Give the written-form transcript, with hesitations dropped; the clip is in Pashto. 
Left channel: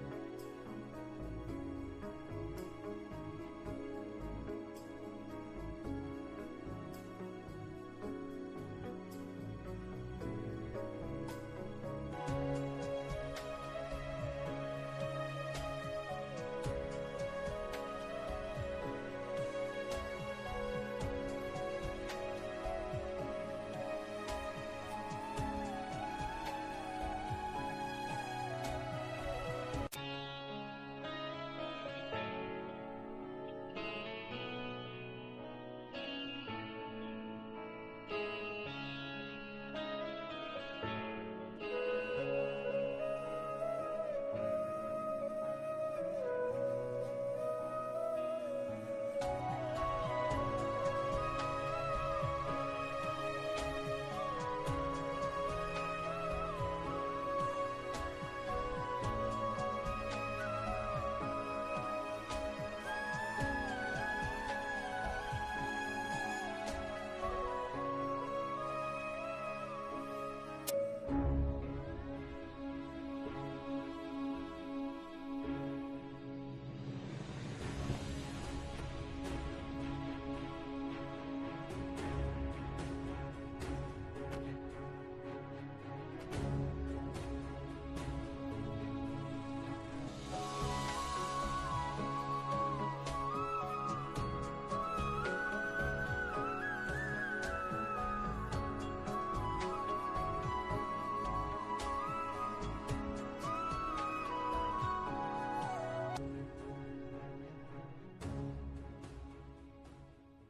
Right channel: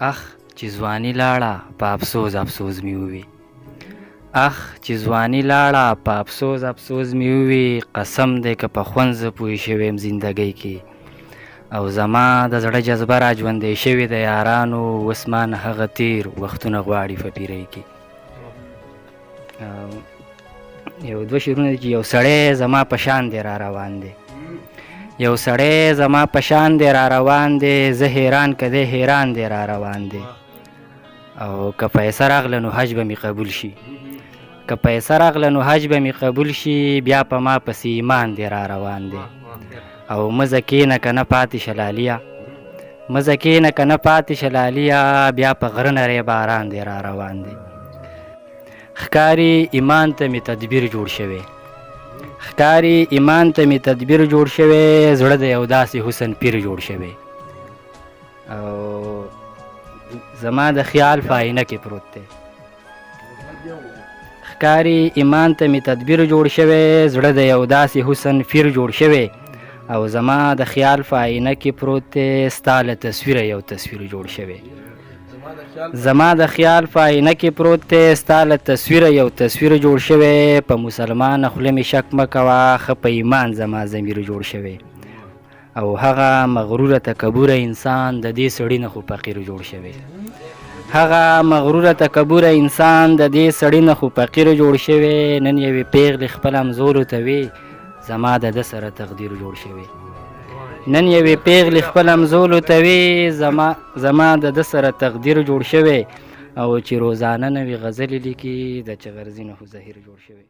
اخ چې ځواني لاړه په افسوس افسوس مې ووي، اخ چې ځواني لاړه په افسوس افسوس مې ووي. قسم دی که په خوند زه پوه شوی یم زندګۍ کې، او زما د زړه جذبه را ژوندی شوې د یارانو. اوس ما نه هغه تیر وختونه غواړي په پیرۍ کې. یو دوه شعرونه دي چې یو سړی زما په شان دی را روان دی، یو سړی زما په شان دی را روان دی. زه حیران که دی حیران دی را روان دی. او که پیسه راغله نو حج به مې قبول شي، که پیسه راغله نو حج به مې قبول شي. بیا په ما پسې ایمان دی را روان دی. او مزه کښېنه که نه پاتې شلاليه، مزه کښېنه که نه پاتې شلاليه. بیا په غره نری باران دی را روان دی. ښکاري ایمان ته مې تدبیر جوړ شوی، ښکاري ایمان ته مې تدبیر جوړ شوی. زړه د یو داسې حسن پیر جوړ شوی، او زما د خیال په آینه کې پروت دی. ښکاري ایمان ته مې تدبیر جوړ شوی، زړه د یو داسې حسن پیر جوړ شوی. او زما د خیال په آینه کې پروت دی. ستا له تصویره یو تصویر جوړ شوی، زما د خیال په آینه کې پروت دی. ستا له تصویره یو تصویر جوړ شوی. په مسلمانه خوله مې شک مه کوه، ښه په ایمان زما ضمیر جوړ شوی. او هغه مغروره تکبوره انسان د دې سړي نه خو فقیر جوړ شوی. هغه مغروره تکبوره انسان د دې سړي نه خو فقیر جوړ شوی. نن یوې پیغلې خپل همزولو ته وی زما د ده سره تقدیر جوړ شوی. نن یوې پیغلې خپل همزولو ته وی زما د ده سره تقدیر جوړ شوی. او چې روزانه نوې غزلې لیکي د چغرزي نه خو زهیر جوړ شوی.